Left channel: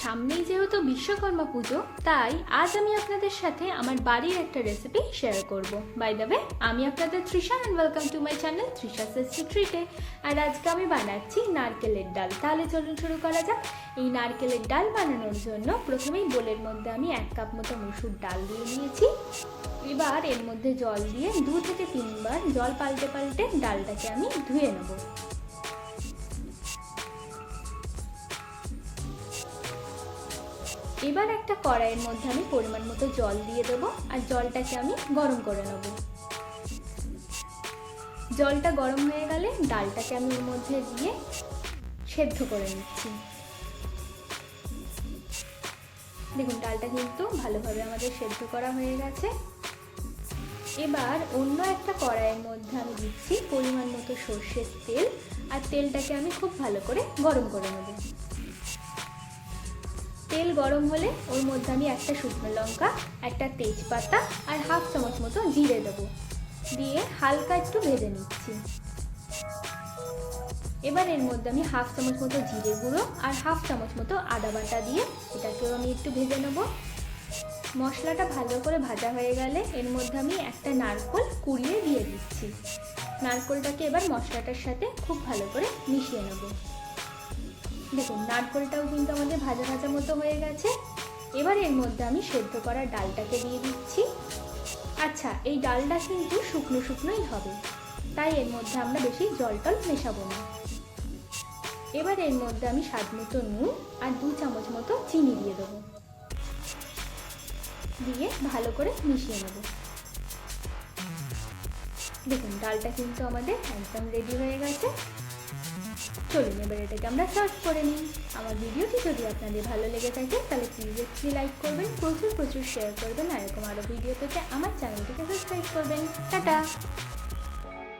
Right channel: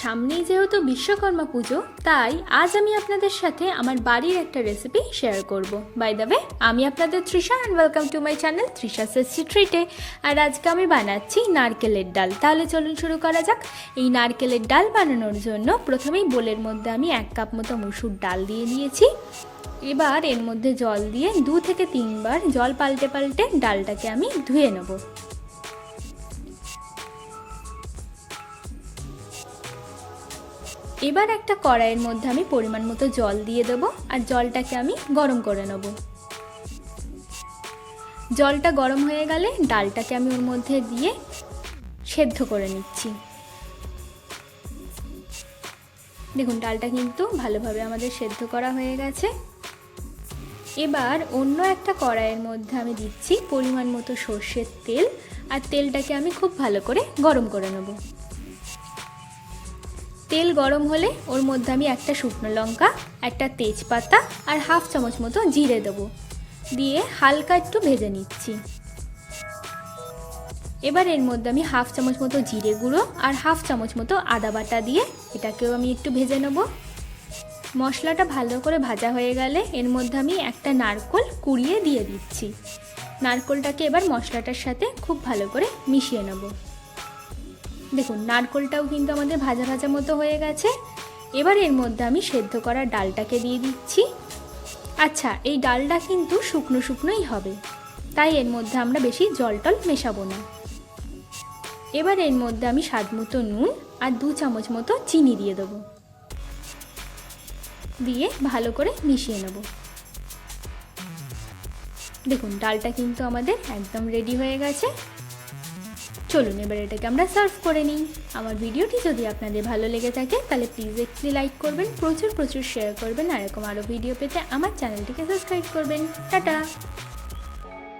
সামনেই যেহেতু বিশ্বকর্মা পুজো, তাই আজ আমি আপনাদের সাথে আমার বাড়ির একটা রেসিপি শেয়ার করব। বাই দ্য ওয়ে, আমি আপনাদের Trisha and welcome to my channel Trisha tasty ট্রিটে। আর আজকে আমি বানাচ্ছি নারকেলের ডাল। তাহলে চলুন শুরু করা যাক। এই নারকেলের ডাল বানানোর জন্য প্রথমেই বোলের মধ্যে আমি 1 কাপ মতো মসুর ডাল দিয়ে দিয়েছি। এবার এর মধ্যে জল দিয়ে 2 থেকে 3 বার জল পাল্টে পাল্টে ডালটাকে আমি ধুয়ে নেব। এবার একটা কড়াইয়ের মধ্যে আমি পরিমাণ মতো জল দিয়ে দেবো আর জলটাকে আমি গরম করে নেব। জলটা গরম হয়ে গেলে ডালটাকে আমি ওর মধ্যে দিয়ে সেদ্ধ করে নিচ্ছি। দেখুন, ডালটা কিন্তু ভালোভাবে আমাদের সেদ্ধ করা হয়ে গেছে। এবার অন্য একটা কড়াইয়ের মধ্যে আমি দিচ্ছি পরিমাণ মতো সর্ষের তেল, আর তেলটাকে আমি খুব ভালো করে গরম করে নেব। তেল গরম হলে ওর মধ্যে আমি একটা শুকনো লঙ্কা, একটা তেজপাতা আর 1/2 চামচ মতো জিরে দেবো, দিয়ে হালকা একটু ভেজে নিচ্ছি। এবার এর মধ্যে আমি 1/2 চামচ মতো জিরে গুঁড়ো আর 1/2 চামচ মতো আদা বাটা দিয়ে এটাকেও আমি একটু ভেজে নেব। মশলাটা ভালো করে ভাজা হয়ে গেলে এর মধ্যে আমি একটা নারকেল কুড়িয়ে দিয়ে দিচ্ছি। নারকেলটাকে এবার মশলাটার সাথে খুব ভালো করে মিশিয়ে নেব। দেখুন, নারকেলটাও কিন্তু আমাদের ভাজা ভাজা মতো হয়ে গেছে। এবার এর মধ্যে আমি সেদ্ধ করা ডালটাকে দিয়ে দিচ্ছি। আচ্ছা, এই ডালটা কিন্তু শুকনো শুকনোই হবে, তাই এর মধ্যে আমরা বেশি জল টল মেশাবো না। এবার এর মধ্যে আমি স্বাদ মতো নুন আর 2 চামচ মতো চিনি দিয়ে দেবো, দিয়ে ভালো করে মিশিয়ে নেব। দেখুন, ডালটা কিন্তু আমাদের একদম রেডি হয়ে গেছে। চলুন এবার এটাকে আমরা সার্ভ করে নিই। আমার ভিডিওটি যদি আপনাদের ভালো লেগে থাকে তাহলে প্লিজ একটু লাইক করবেন, প্রচুর শেয়ার করবেন, আর এরকম আরও ভিডিও পেতে আমার চ্যানেলটিকে সাবস্ক্রাইব করবেন। টাটা।